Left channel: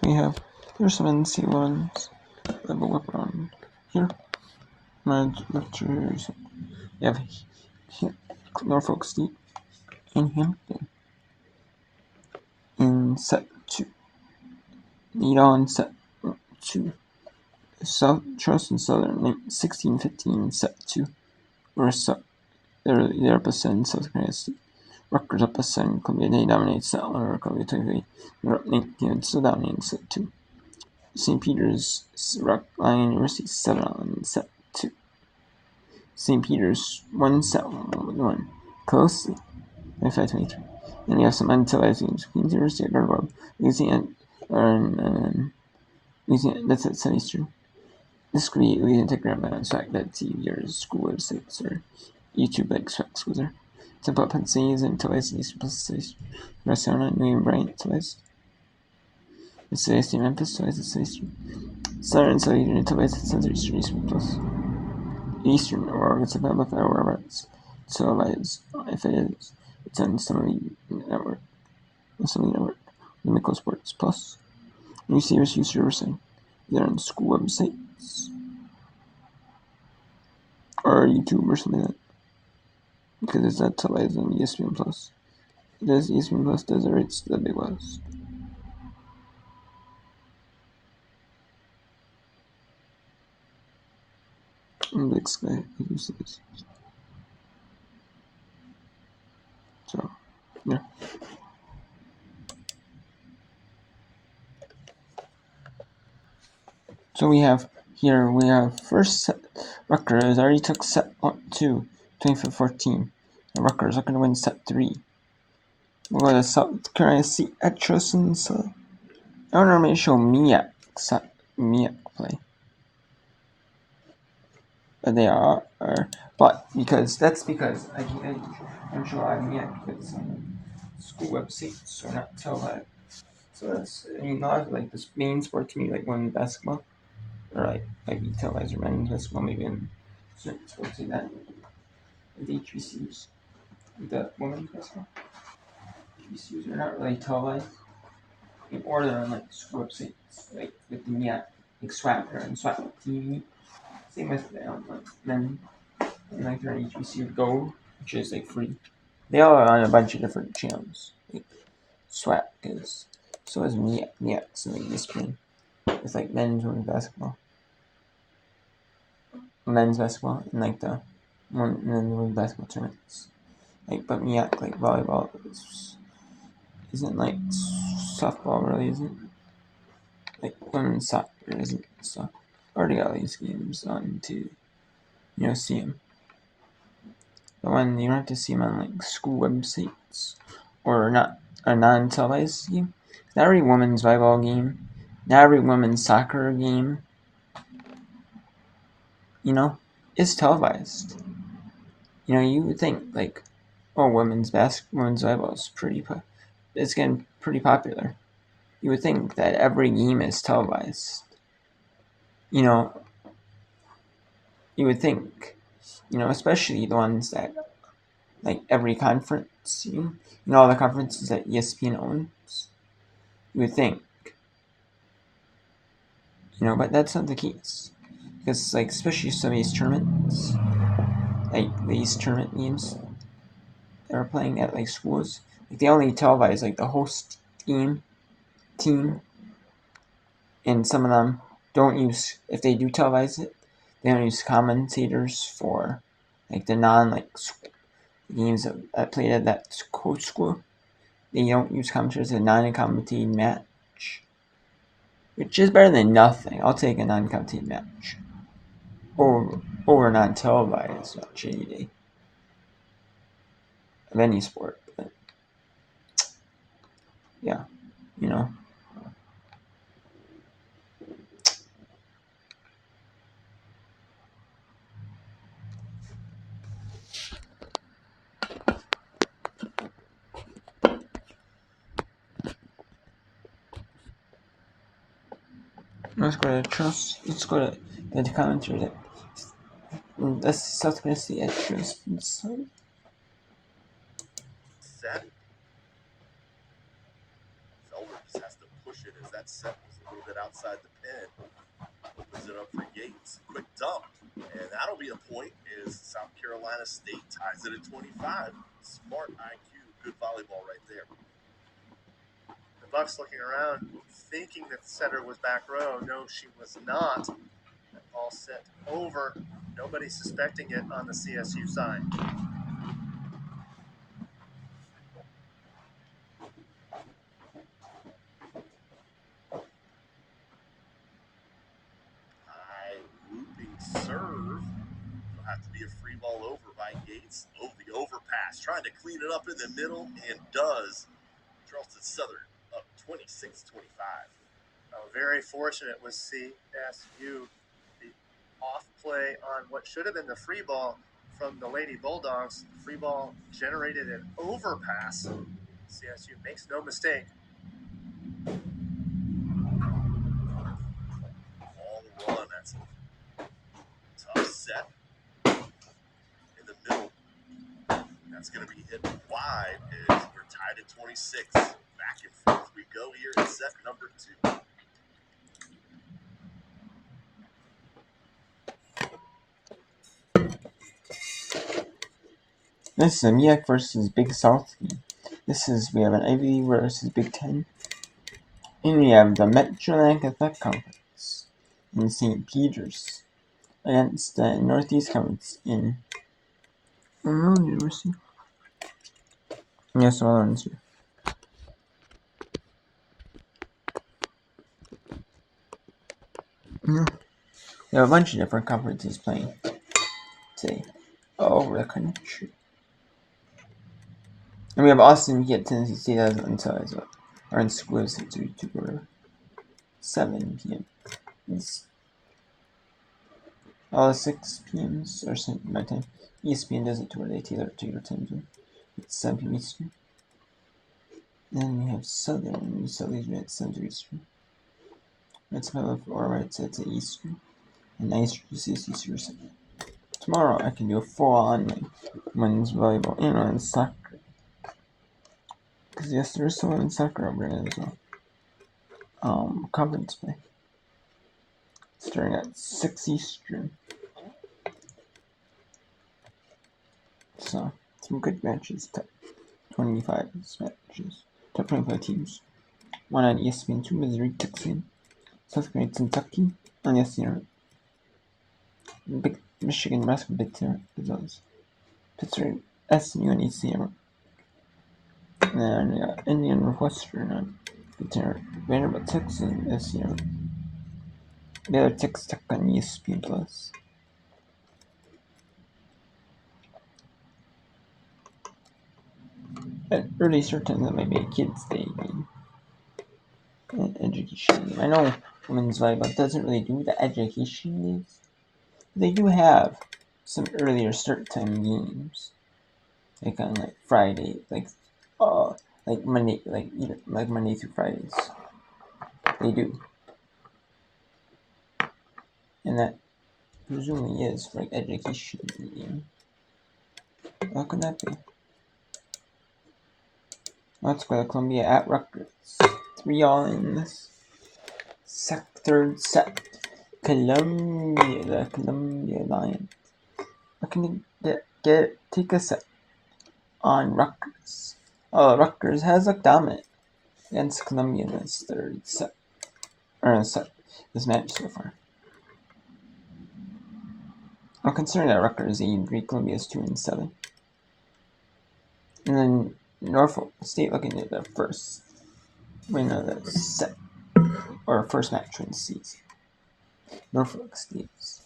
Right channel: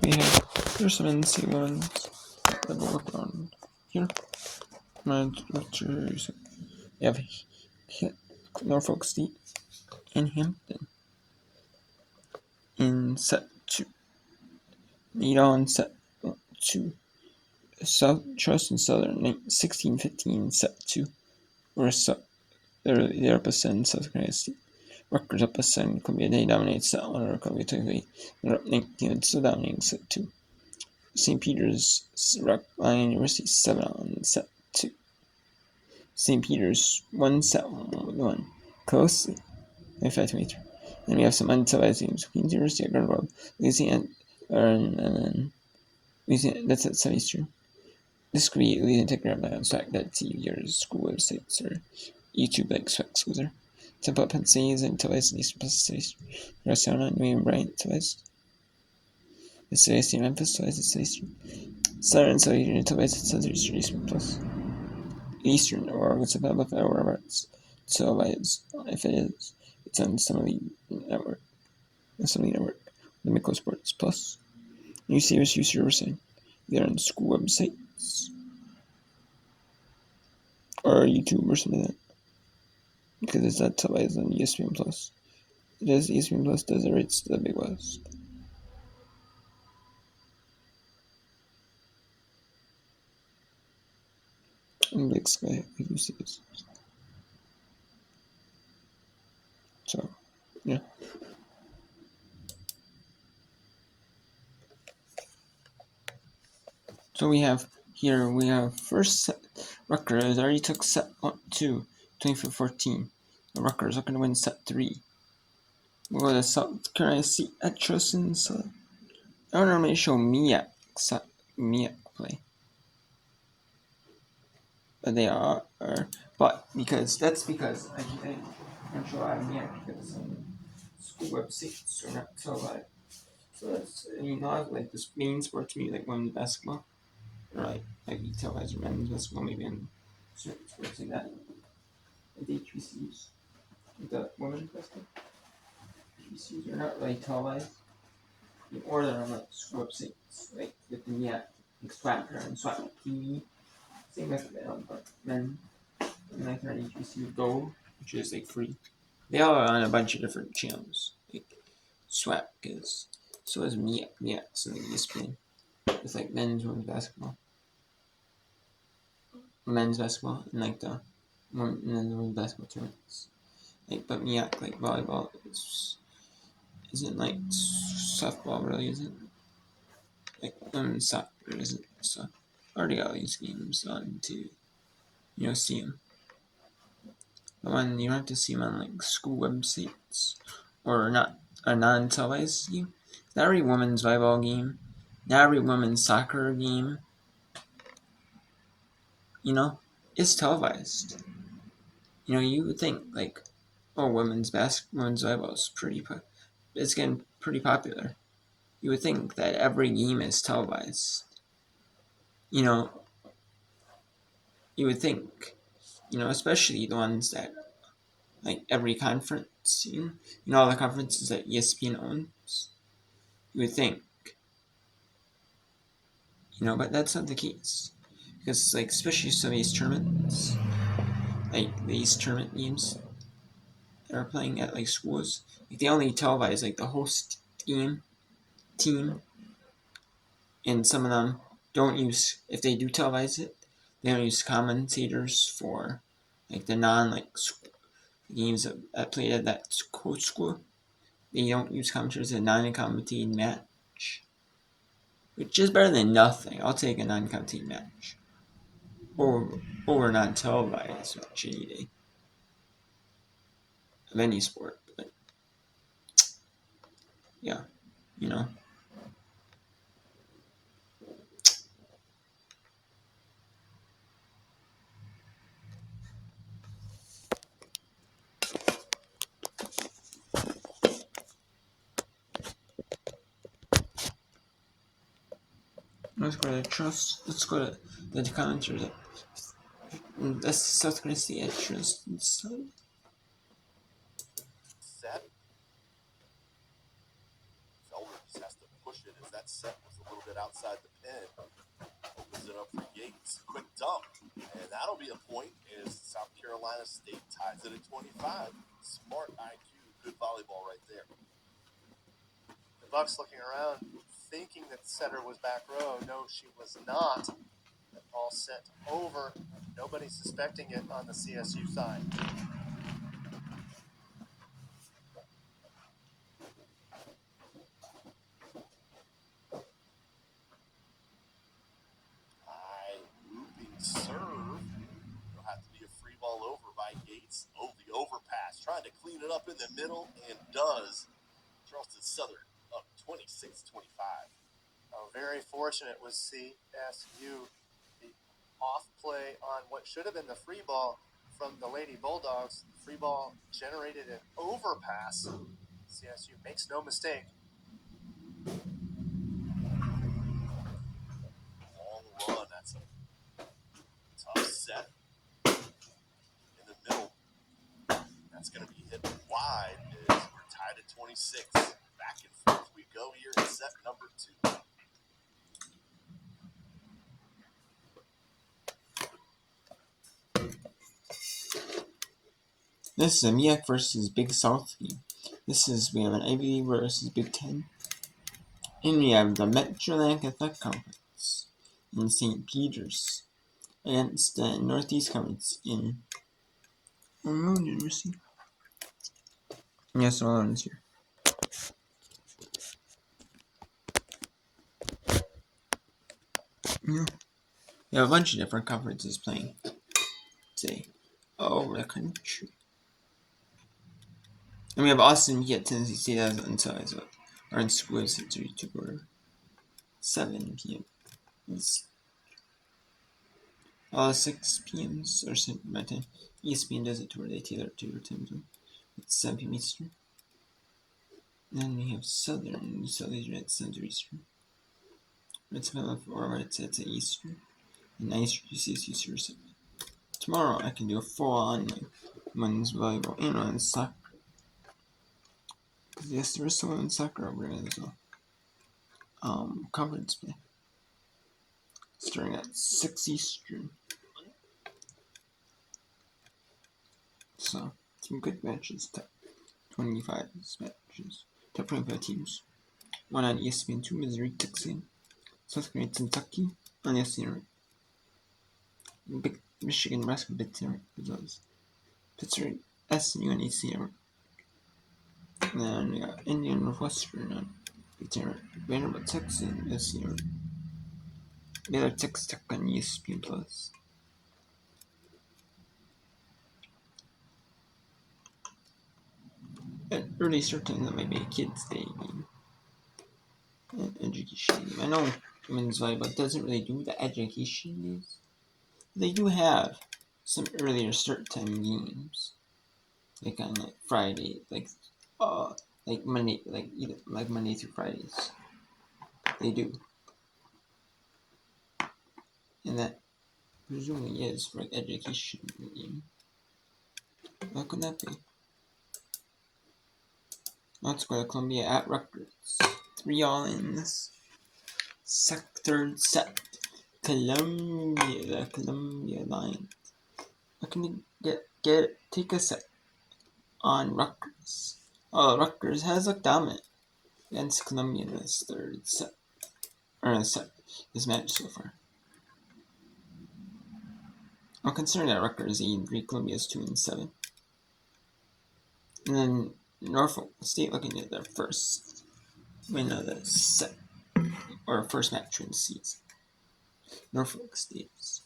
We have, there's some NC ones that will work on here. You have Norfolk State in Hampton in set 2. Lead on set 2. South Charleston Southern 16-15 set 2. Or they're up a 7 South Carolina State. Rutgers up a 7. Columbia Day dominates set 1. Or Columbia Tech. They're up 19 still dominating set 2. St. Peter's Rock Island University 7 on set 2. St. Peter's 1 set 1. Closely. 25-23. Then we have some untelevised games. Queen's University at Gargoyle. Louisiana, that's at 7 Eastern. This could be Louisiana Tech Grand Mountain Swag that TV or school websites or YouTube like Swag Schools are. Temple Pennsylvania is televised in Eastern plus 7 Eastern. North Carolina, New England Bryant televised. The 7 Eastern Memphis televised at 7 Eastern. Southern Southern televised at 7 Eastern Eastern plus. Eastern or it's about left hour Roberts. Televised if it is. It's on Assembly Network. Miko Sports Plus. You see us use your website. Either on school websites or YouTube or something like that. Because it's not televised on ESPN Plus. It does ESPN Plus does the rates to the Big West. And Big Sky, if you see this. So, yeah. So we have first set. Rutgers already took set 2, 25-14. Rutgers are going to win set 3. We'll go to South Carolina State at Charleston. So I don't normally show Miak play. But they are but because I'm sure I have Miak because some school websites are not televised. So that's not like this main sport to me, like women's basketball. Or like you televised or men's basketball, maybe in certain sports like that. The HBCUs, the women's basketball. HBCUs are not really televised. Or they're on like school websites, like with the MEAC, like Swapper and Swap TV. Same with men. And like they're on HBCU Go, which is like free. They all are on a bunch of different channels. Like Swap is. So is MEAC. MEAC's in the ESPN. It's like men's women's basketball. Men's basketball and like the women's basketball tournaments. Like, but MEAC, like volleyball, isn't like softball, really, isn't. Like women's soccer isn't, so already got all these games on to, see them. But when you don't have to see them on like school websites or not a non-televised game, not every women's volleyball game, not every women's soccer game, is televised. You would think like, oh, women's volleyball is it's getting pretty popular. You would think that every game is televised. You would think, especially the ones that, like every conference, all the conferences that ESPN owns. You would think, but that's not the case. Because, like, especially some of these tournaments, like these tournament games that are playing at, like, schools, like, they only televise, like, the host team, and some of them don't use, if they do televise it, they don't use commentators for, like, the games that played at that coach school. They don't use commentators in a non-commentated match, which is better than nothing. I'll take a non-commentated match over non-televised match any day of any sport. But yeah, Let's go to the commenters. That's South Carolina State at Charleston. Set. Felder just has to push it as that that set was a little bit outside the pin. Opens it up for Yates. Quick dump. And that'll be a point as South Carolina State ties it at 25. Smart IQ, good volleyball right there. The Bucks looking around, thinking that the setter was back row. No, she was not. The ball sent over. Nobody suspecting it on the CSU side. High looping serve. It'll have to be a free ball over by Yates. Oh, the overpass. Trying to clean it up in the middle and does. Charleston Southern up 26-25. Very fortunate was CSU. The off play on what should have been the free ball from the Lady Bulldogs. The free ball generated an overpass. CSU makes no mistake. All run. That's a tough set in the middle. That's going to be hit wide as we're tied at 26. Back and forth we go here in set number 2. This is a MEAC versus Big South game. We have an Ivy League versus Big Ten. And we have the Metro-Atlantic Athletic Conference in St. Peter's against the Northeast Conference in Monroe University. We have some other ones here. We have a bunch of different conferences playing today all over the country. And we have Austin P at Tennessee State as well. Our in school is at 32 or 7 p.m. All the 6 p.m.s are sent by time. ESPN does it to where they tailor it to your time zone. It's 7 p.m. Eastern. Then we have Southern Leisure at 7 Eastern. That's my left or right side to Eastern. And nice UCSU Super 7. Tomorrow I can do a full-on women's volleyball and women's soccer. Because yes, there is some women's soccer over there as well. Conference play. Starting at 6 Eastern. So, some good matches. Top 25 matches. Top 25 teams. One on ESPN, 2 Missouri, Texas, South Carolina, Kentucky on ESPN. Big Michigan, Nebraska, Big Ten, as well as Pittsburgh, SMU, and ECM. And then we got Indiana Northwestern on Big Ten, Vanderbilt, Texas, and SCM. The other Texas Tech on ESPN Plus. At early start time, that might be a kids' day game. And education game. I know women's volleyball doesn't really do the education days. They do have some earlier start time games, like on Friday, like Monday, like Monday through Fridays. They do, and that presumably is for education game. How can that be? Let's go to Columbia at Rutgers. 3-all in this third set. The Columbia Lions. Looking to take a set on Rutgers. Rutgers has looked dominant against Columbia in this third set. This match so far. I'm concerned that Rutgers is 8-3, Columbia is 2-7. And then Norfolk State looking at their first win of the set, or first match in the season. Norfolk State's